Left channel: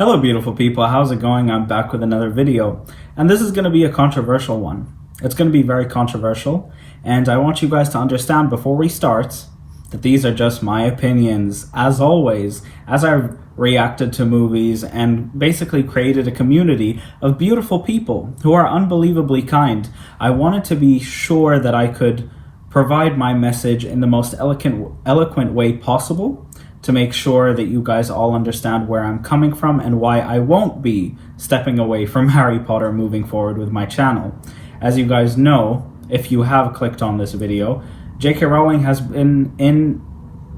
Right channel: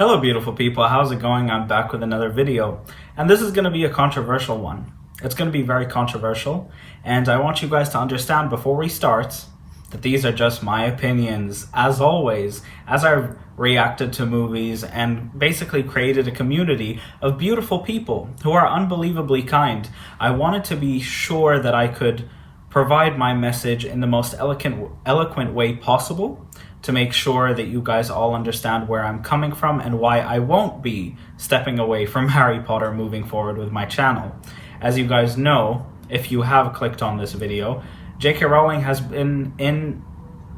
Hello beautiful people, how's it going? I'm back with another video, and this is going to be a controversial one. It's going to be very controversial, and I want you guys to understand before we start that these are just my opinions. As always, as I've reacted to movies and basically created a community of beautiful people who are unbelievably kind, I wanted to be sure that I could provide my message in the most eloquent way possible, to make sure that you guys all understand where I'm coming from and why I won't be stepping away from Harry Potter moving forward with my channel. As you guys know, if you have clicked on this video, J.K. Rowling has been in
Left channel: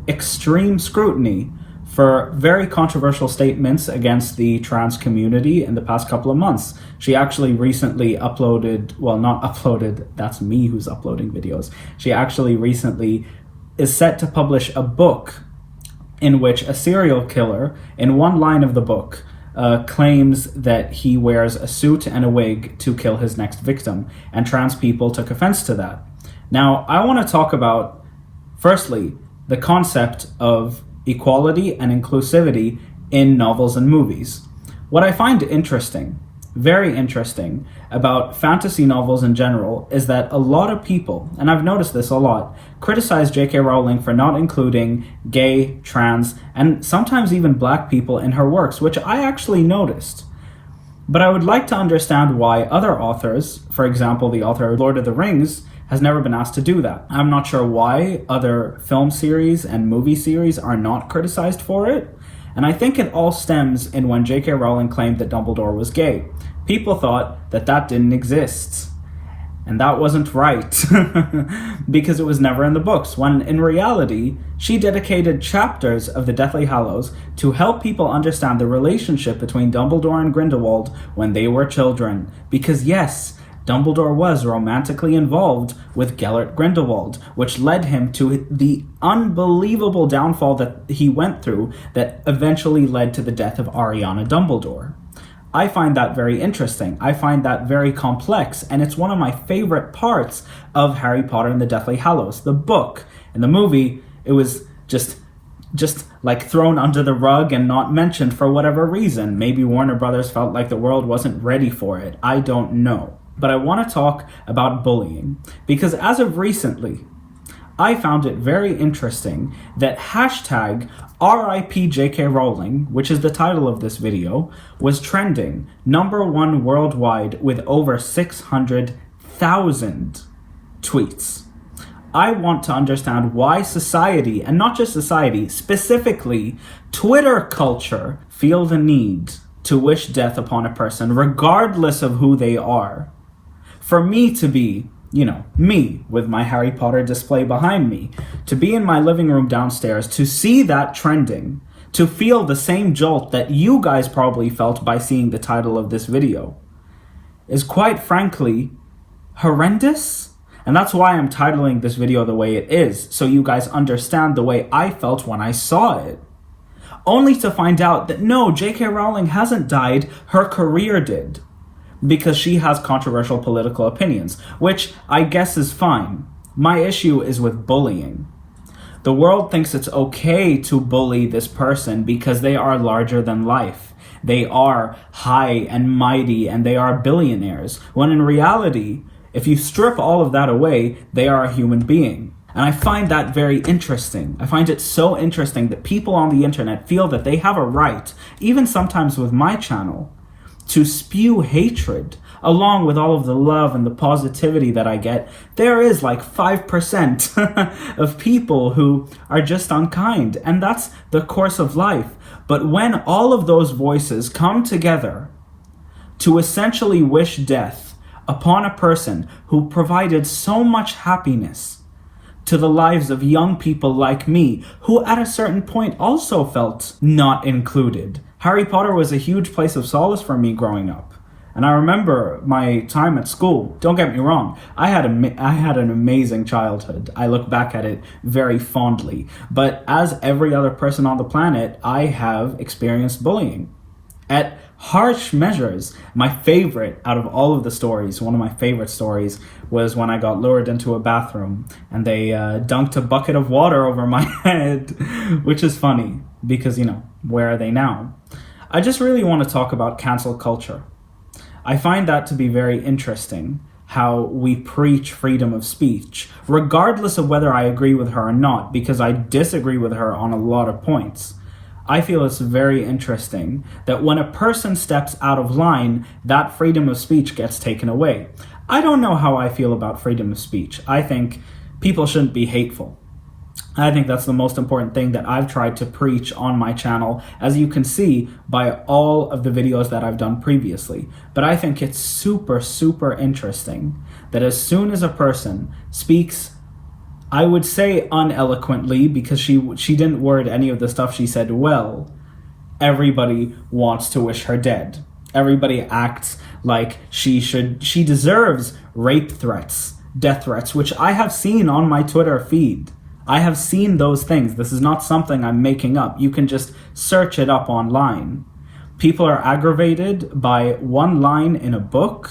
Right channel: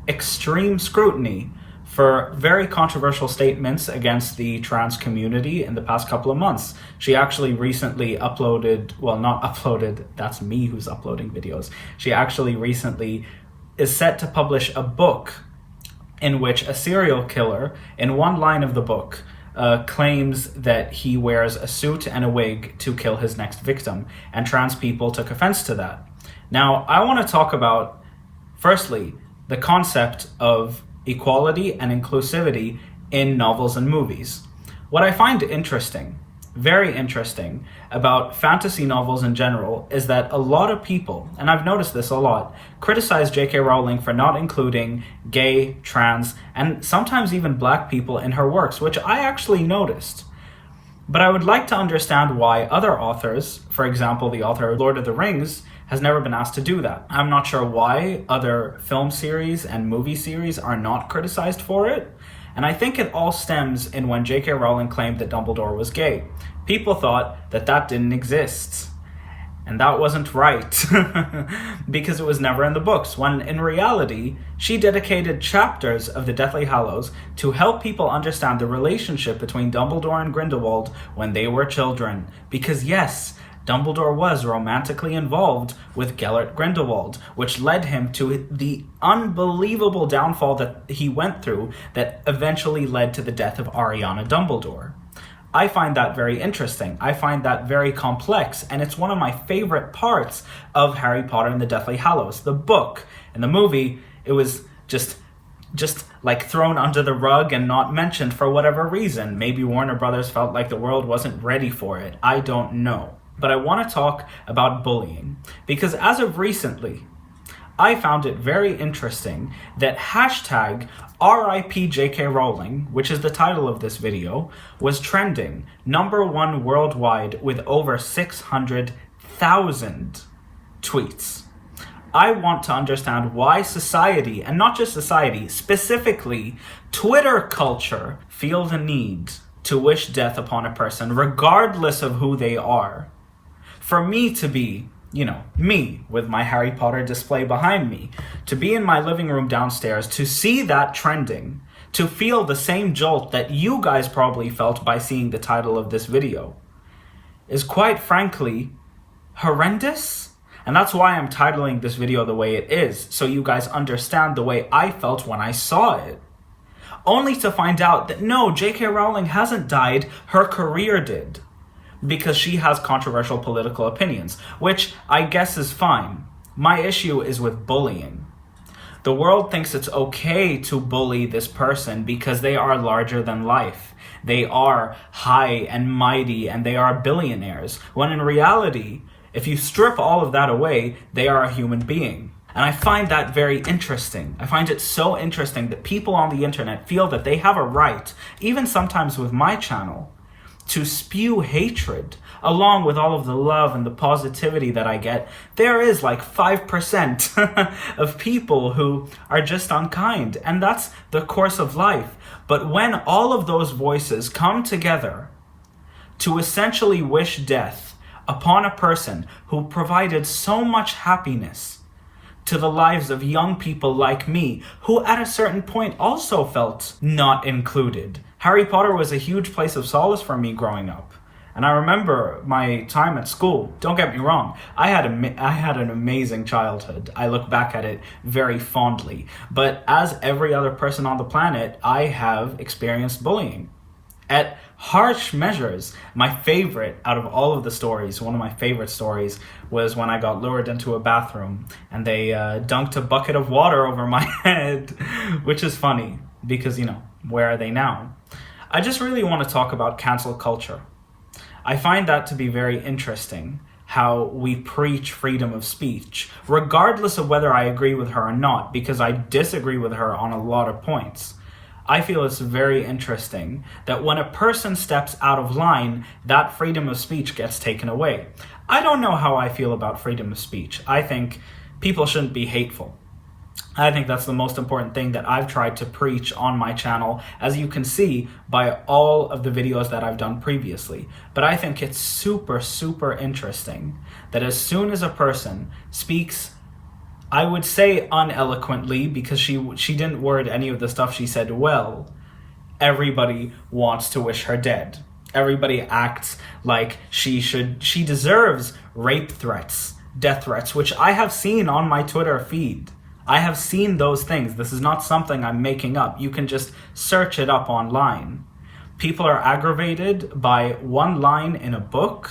extreme scrutiny for very controversial statements against the trans community in the past couple of months. She actually recently uploaded, well, not uploaded, that's me who's uploading videos. She actually recently is set to publish a book in which a serial killer, in one line of the book, claims that he wears a suit and a wig to kill his next victim, and trans people took offense to that. Now, I want to talk about, firstly, the concept of equality and inclusivity in novels and movies. What I find interesting, very interesting, about fantasy novels in general is that a lot of people, and I've noticed this a lot, criticize J.K. Rowling for not including gay, trans, and sometimes even black people in her works, which I actually noticed. But I would like to understand why other authors, for example, the author of Lord of the Rings, has never been asked to do that. I'm not sure why other film series and movie series are not criticized for it. And I think it all stems in when J.K. Rowling claimed that Dumbledore was gay. People thought that that didn't exist. And that wasn't right, because it was never in the books, when in reality, she dedicated chapters of the Deathly Hallows to help people understand the relationship between Dumbledore and Grindelwald when they were children. Because yes, Dumbledore was romantically involved with Gellert Grindelwald, which led him to the unbelievable downfall that he went through that eventually led to the death of Ariana Dumbledore. I find that very interesting. I find that very complex, and it's one of my favorite parts of Harry Potter and the Deathly Hallows. The book and the movie, it was just like thrown under the rug and not mentioned for whatever reason. Maybe Warner Brothers felt like the world wasn't ready for it. I don't know. But I want to talk about bullying, because as of recently, I found it very interesting that hashtag RIP JK Rowling, which is the title of this video, was trending #1 worldwide with over 600,000 tweets. I want to understand why society, and not just society, specifically Twitter culture, feel the need to wish death upon a person, regardless of who they are. For me to be, me with my Harry Potter display behind me, to be in my living room downstairs, to see that trending, to feel the same jolt that you guys probably felt by seeing the title of this video, is quite frankly horrendous. And that's why I'm titling this video the way it is, so you guys understand the way I felt when I saw it. Only to find out that no, J.K. Rowling hasn't died, her career did. Because she has controversial political opinions, which I guess is fine. My issue is with bullying. The world thinks it's okay to bully this person because they are larger than life. They are high and mighty and they are billionaires, when in reality, if you strip all of that away, they are a human being. And I find that very interesting. I find it so interesting that people on the internet feel that they have a right, even sometimes with my channel, to spew hatred, along with all of the love and the positivity that I get. There is like 5% of people who are just unkind, and that's the course of life. But when all of those voices come together to essentially wish death upon a person who provided so much happiness to the lives of young people like me, who at a certain point also felt not included. Harry Potter was a huge place of solace for me growing up. And I remember my time at school. Don't get me wrong, I had an amazing childhood. I look back at it very fondly. But as every other person on the planet, I have experienced bullying. At harsh measures, my favorite out of all of the stories, one of my favorite stories, was when I got lured into a bathroom and they dunked a bucket of water over my head, which is funny because, where are they now? I just really want to talk about cancel culture. I find that to be very interesting, how we preach freedom of speech, regardless of whether I agree with her or not, because I disagree with her on a lot of points. I feel it's very interesting that when a person steps out of line, that freedom of speech gets taken away. I don't know how I feel about freedom of speech. I think people shouldn't be hateful. I think that's the most important thing that I've tried to preach on my channel, as you can see by all of the videos that I've done previously. But I think it's super, super interesting that as soon as a person speaks, I would say uneloquently, because she didn't word any of the stuff she said well, everybody wants to wish her dead. Everybody acts like she deserves rape threats, death threats, which I have seen on my Twitter feed. I have seen those things. This is not something I'm making up. You can just search it up online. People are aggravated by one line in a book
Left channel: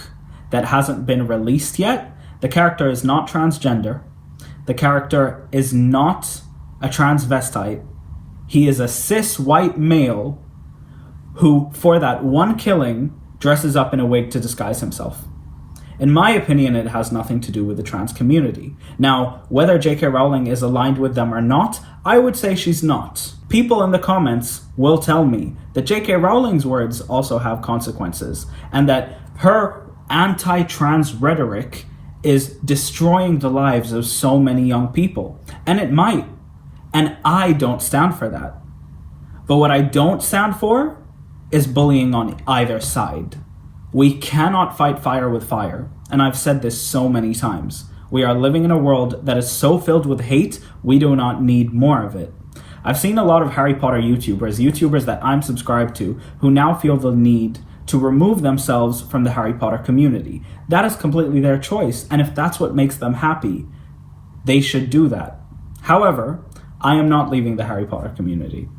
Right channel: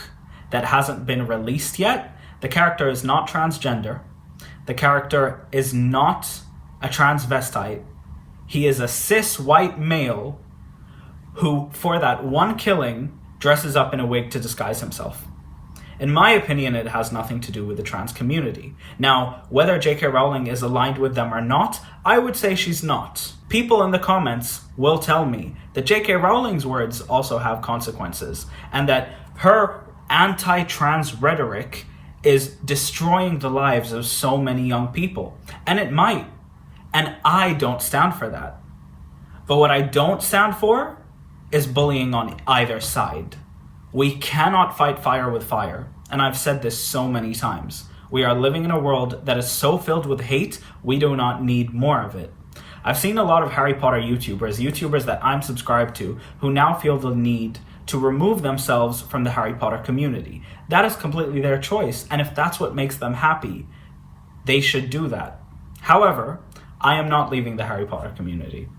that hasn't been released yet. The character is not transgender. The character is not a transvestite. He is a cis white male who, for that one killing, dresses up in a wig to disguise himself. In my opinion, it has nothing to do with the trans community. Now, whether J.K. Rowling is aligned with them or not, I would say she's not. People in the comments will tell me that J.K. Rowling's words also have consequences, and that her anti-trans rhetoric is destroying the lives of so many young people. And it might. And I don't stand for that. But what I don't stand for is bullying on either side. We cannot fight fire with fire. And I've said this so many times. We are living in a world that is so filled with hate, we do not need more of it. I've seen a lot of Harry Potter YouTubers that I'm subscribed to, who now feel the need to remove themselves from the Harry Potter community. That is completely their choice, and if that's what makes them happy, they should do that. However, I am not leaving the Harry Potter community.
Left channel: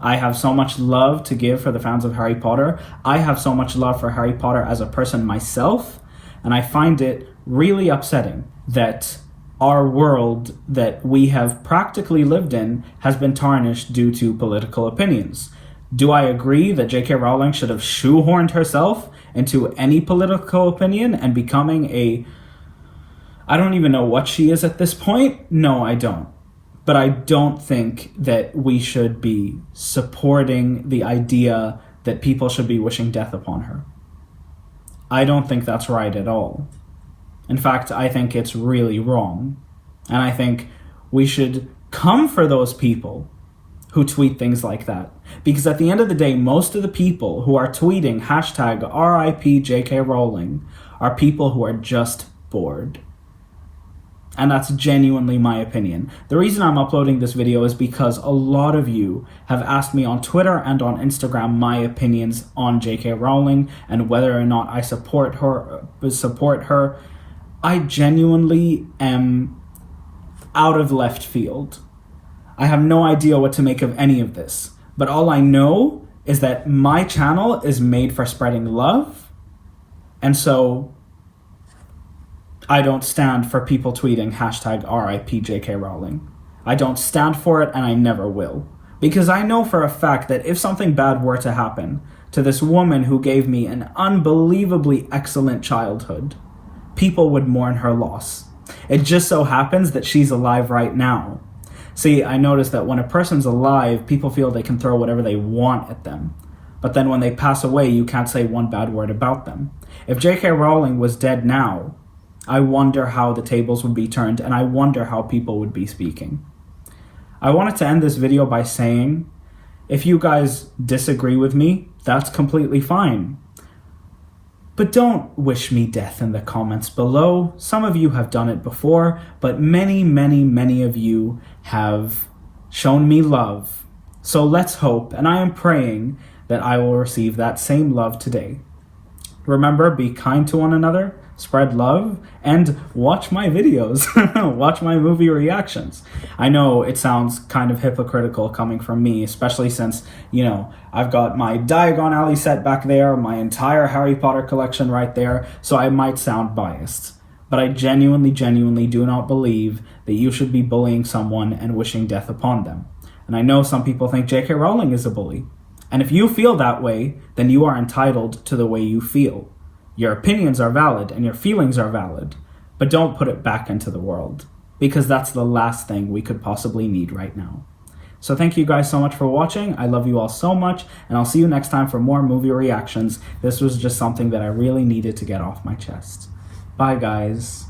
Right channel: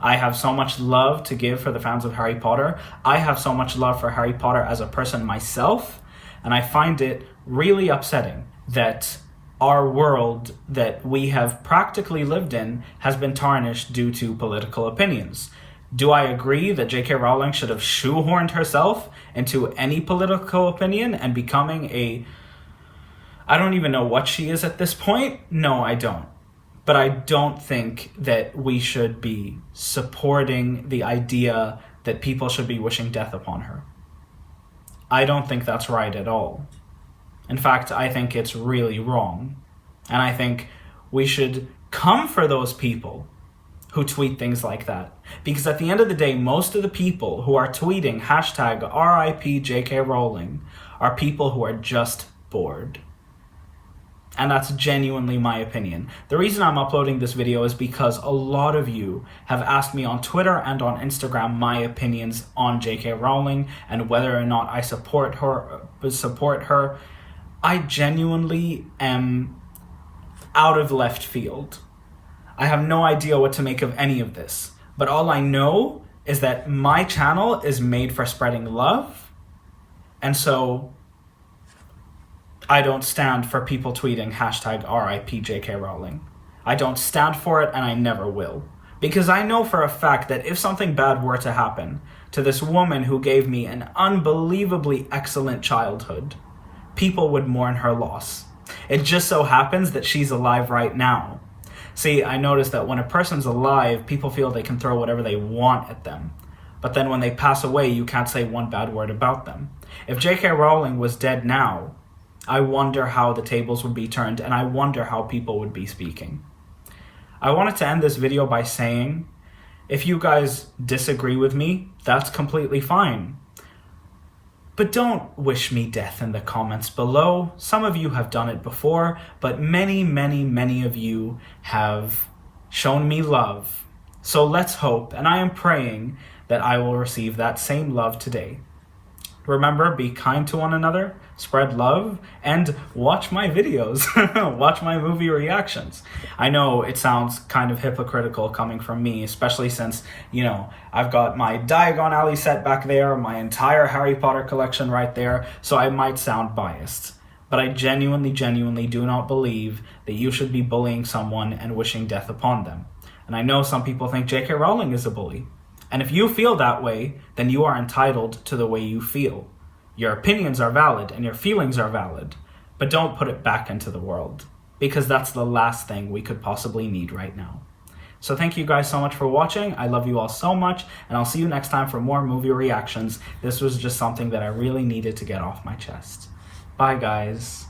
I have so much love to give for the fans of Harry Potter. I have so much love for Harry Potter as a person myself, and I find it really upsetting that our world that we have practically lived in has been tarnished due to political opinions. Do I agree that J.K. Rowling should have shoehorned herself into any political opinion and becoming I don't even know what she is at this point? No, I don't. But I don't think that we should be supporting the idea that people should be wishing death upon her. I don't think that's right at all. In fact, I think it's really wrong. And I think we should come for those people who tweet things like that. Because at the end of the day, most of the people who are tweeting hashtag RIP JK Rowling are people who are just bored. And that's genuinely my opinion. The reason I'm uploading this video is because a lot of you have asked me on Twitter and on Instagram my opinions on J.K. Rowling and whether or not I support her. I genuinely am out of left field. I have no idea what to make of any of this. But all I know is that my channel is made for spreading love. And so I don't stand for people tweeting hashtag RIP JK Rowling. I don't stand for it, and I never will. Because I know for a fact that if something bad were to happen to this woman who gave me an unbelievably excellent childhood, people would mourn her loss. It just so happens that she's alive right now. See, I noticed that when a person's alive, people feel they can throw whatever they want at them. But then when they pass away, you can't say one bad word about them. If J.K. Rowling was dead now, I wonder how the tables would be turned, and I wonder how people would be speaking. I wanted to end this video by saying, if you guys disagree with me, that's completely fine. But don't wish me death in the comments below. Some of you have done it before, but many, many, many of you have shown me love. So let's hope, and I am praying that I will receive that same love today. Remember, be kind to one another, spread love, and watch my videos. Watch my movie reactions. I know it sounds kind of hypocritical coming from me, especially since, I've got my Diagon Alley set back there, my entire Harry Potter collection right there, so I might sound biased. But I genuinely, genuinely do not believe that you should be bullying someone and wishing death upon them. And I know some people think J.K. Rowling is a bully. And if you feel that way, then you are entitled to the way you feel. Your opinions are valid and your feelings are valid, but don't put it back into the world, because that's the last thing we could possibly need right now. So thank you guys so much for watching. I love you all so much, and I'll see you next time for more movie reactions. This was just something that I really needed to get off my chest. Bye, guys.